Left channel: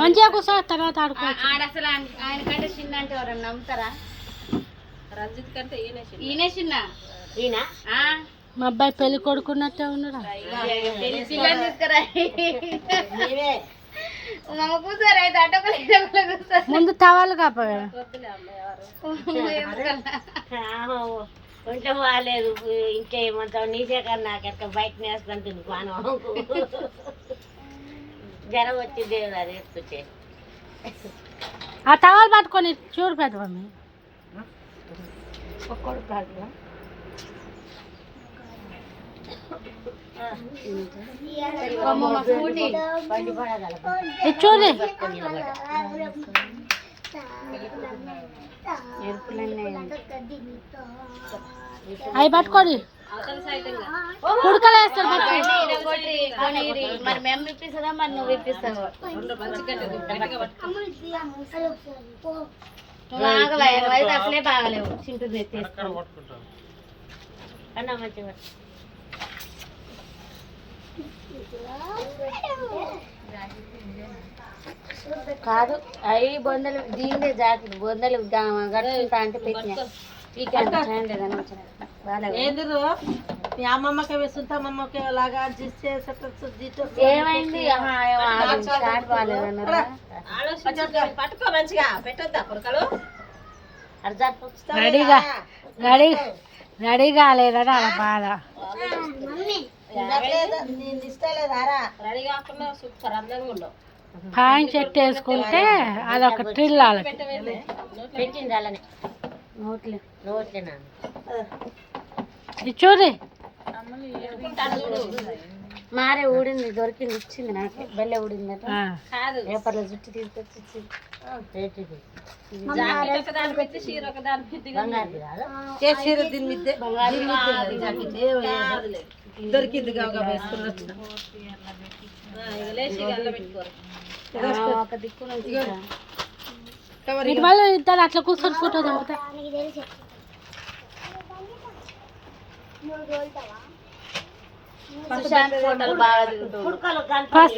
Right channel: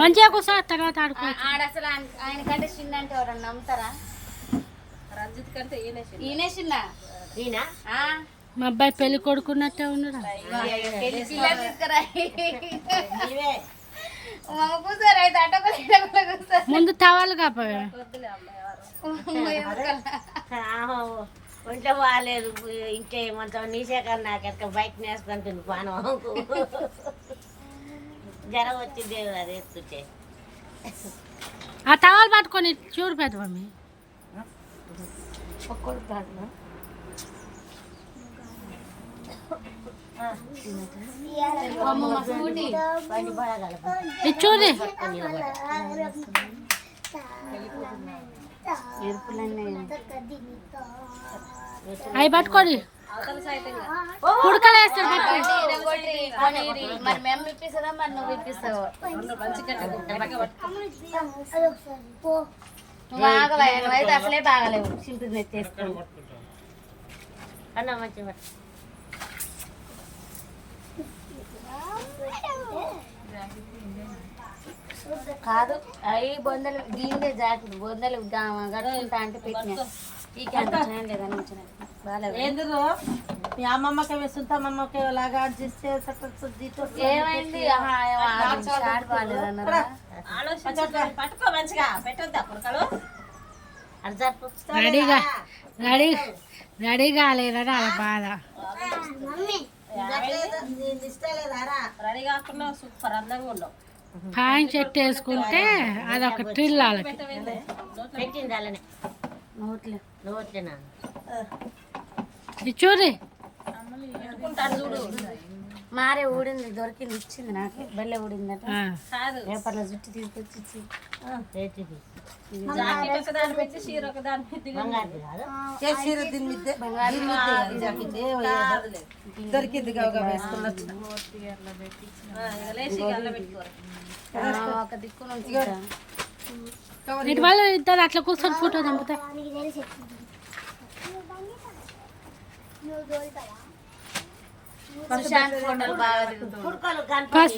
మంచిగా కూర్చో తర్వాత ఆడుకోవచ్చు. అసలు ఆయన కంటే చిన్న అంటే ఎవరన్నా నమ్ముతారా? రంజిత్ కంటే ఈయన చిన్న. ఈయన మా అబ్బాయి పెళ్లి కొడుకున్నట్టే ఉన్నాడు. పెళ్లి పిల్లని తీసుకురా. కూర్చోరు అయితే అడ్డ ముందు టవాలు కాపోయా కొంచెం బాగాలేదు. ఇంకేమంటావు నీసేకన్నా నాకెక్క బయట నేస్తాను తిని పానం జ్వరం వచ్చింది అది ఎత్తుకుంటే ఆ టవాలు పట్టుకొని చూడు పెద్ద మమ్మీ. ఒక్కడు కాదు బండి పడగల చూడు పట్టుకొని నిలబడ అవి పట్టుకొని కుడకలు వేస్తాడు పట్టుకొని. మరి మేము ఇప్పిస్తుందా మరి నువ్వు ఇప్పిస్తావు? నువ్వు ఆగవా అసలే బాగలేవు. చింటూ అన్న మంచి కాదు అవి బొందలు దీనిదే జాకెట్ బొందలు గడుపుకుంటా అంటే పెట్టినా మీ అమ్మమ్మకి వేస్తుంటా అమ్మమ్మకి లాగా ఏమైంది? పట్టుకో మంచిగా పెట్టొద్దా కొరకలు రెడీగా రెడీ రెడీ కాలేదని అలా బాధ. నేను ఇష్టలేదారా రెడీ కాకుండా సూపర్ అందంగా ఉండవు. పాయింట్ సెట్ వేసుకుంటే అదొక ట్రిల్ వాళ్ళకి. పెట్టింది అలానే నోట్లేనా చూడు మారే ఊడింది దొరికింది ఇచ్చింది నాకు బెల్లె ఊడింది పేపర్లో జుట్టు తీసుకొచ్చి ఇచ్చింది. బంగారు కాదు చీర దీని మిద్దే దొరికింది వేసుకుని ఒక దిక్కు నుంచి ఇటు వాళ్ళు ఇద్దరు అట్లా కూర్చొని ఫోటో దింపుతా. సుశాంత్ ఫోటోలు బాగా దిగుతాడు. కుడుకలు ఫస్ట్